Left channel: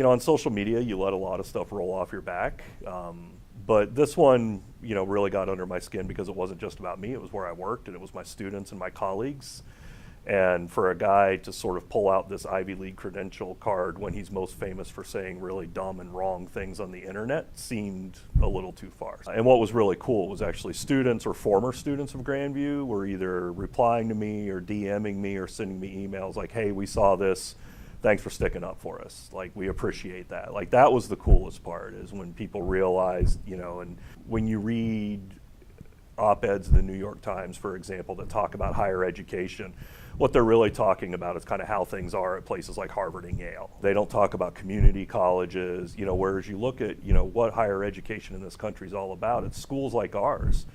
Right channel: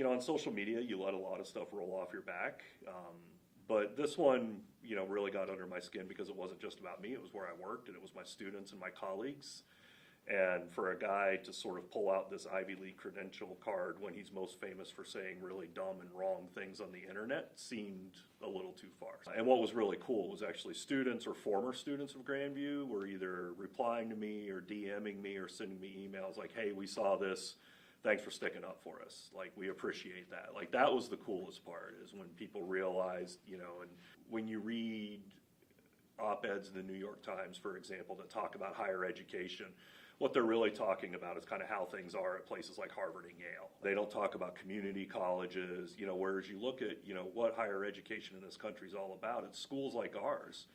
On social media, you let a lot of stuff roll off your back. But this one, really got under my skin because it wasn't just about me. It was where I worked, and it was my students and my colleagues. And for a guy to sort of pull out this Ivy League credential card when he's most famous for saying really dumb and wrong things on the internet seemed a little too far. And what was really cool was actually students or former students of Grandview were either replying to me or DMing me or sending me emails like, hey, we saw this. Thanks for sticking up for us. Like, we appreciate that. Like, that was the coolest part, is when people realized, and when you read op-eds in the New York Times, for example, that talk about higher education, what they're really talking about is kind of how things are at places like Harvard and Yale. They don't talk about community colleges, whereas you look at, what higher education in this country is all about. It's schools like ours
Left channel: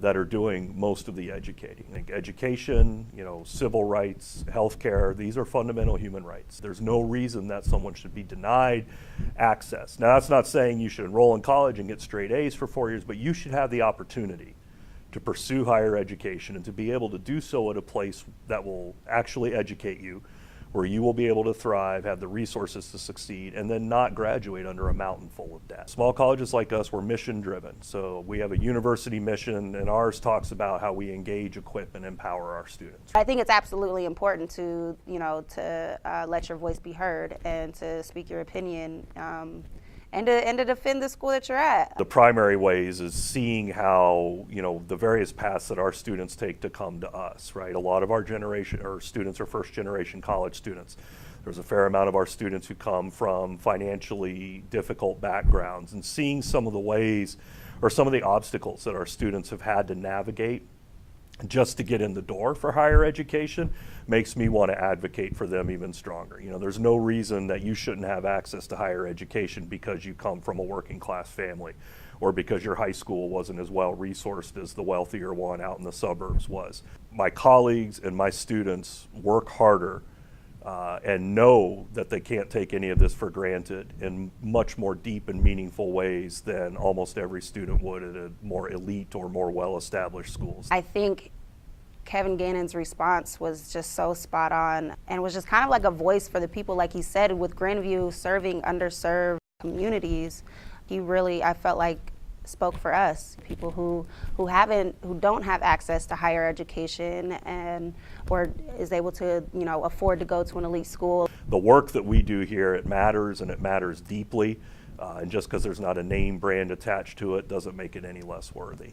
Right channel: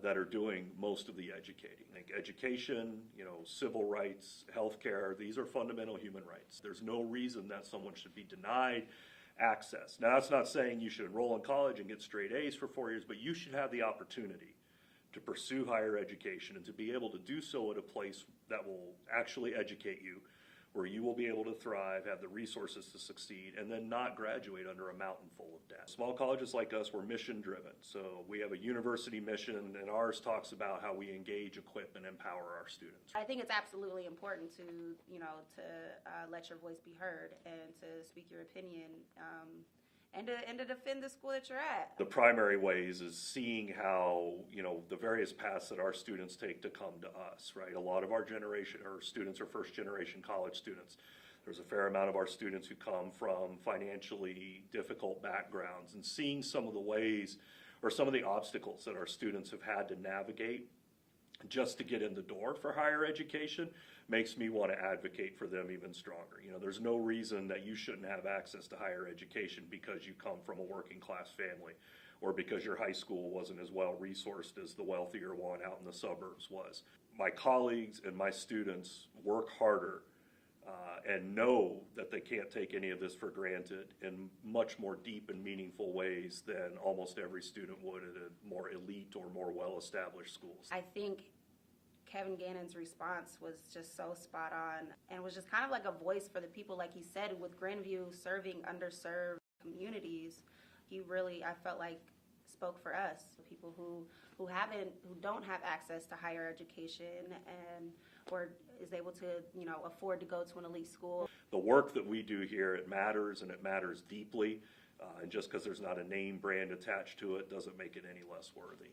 that are doing most of the educating. I think education, civil rights, healthcare, these are fundamental human rights. There's no reason that someone should be denied access. Now, that's not saying you should enroll in college and get straight A's for 4 years, but you should have the opportunity to pursue higher education and to be able to do so at a place that will actually educate you, where you will be able to thrive, have the resources to succeed, and then not graduate under a mountain full of debt. Small colleges like us, we're mission driven. So we have a university mission, and ours talks about how we engage, equip, and empower our students. I think it's absolutely important to, let your voice be heard and to speak your opinion. And to defend the school that you're at. The primary ways is seeing how, the various paths that our students take to come to us, right? A lot of our generation, or students are first generation college students. There's a fair amount of our students who come from financially difficult backgrounds, and seeing some of the ways or some of the obstacles that our students have had to navigate just to get in the door for higher education makes me want to advocate for them even stronger. There's no reason that you shouldn't have access to higher education because you come from a working class family, or because your high school wasn't as well resourced as the wealthier one out in the suburbs was. My colleagues and my students work harder and know that they can't take any of this for granted in much more deep and meaningful ways than almost every student would at a more elite or more well-established schools. I think Kevin Gannon's response was just so spot on, and was just kind of like a voice for the people, like he said, with Grandview serving underserved communities. He really, I felt like, spoke for us, people who don't have access to higher education or is able to, afford to go to an elite school. The work that we do here, it matters, and it matters deeply. And just because there's not a name brand attached to it doesn't make it any less worthy.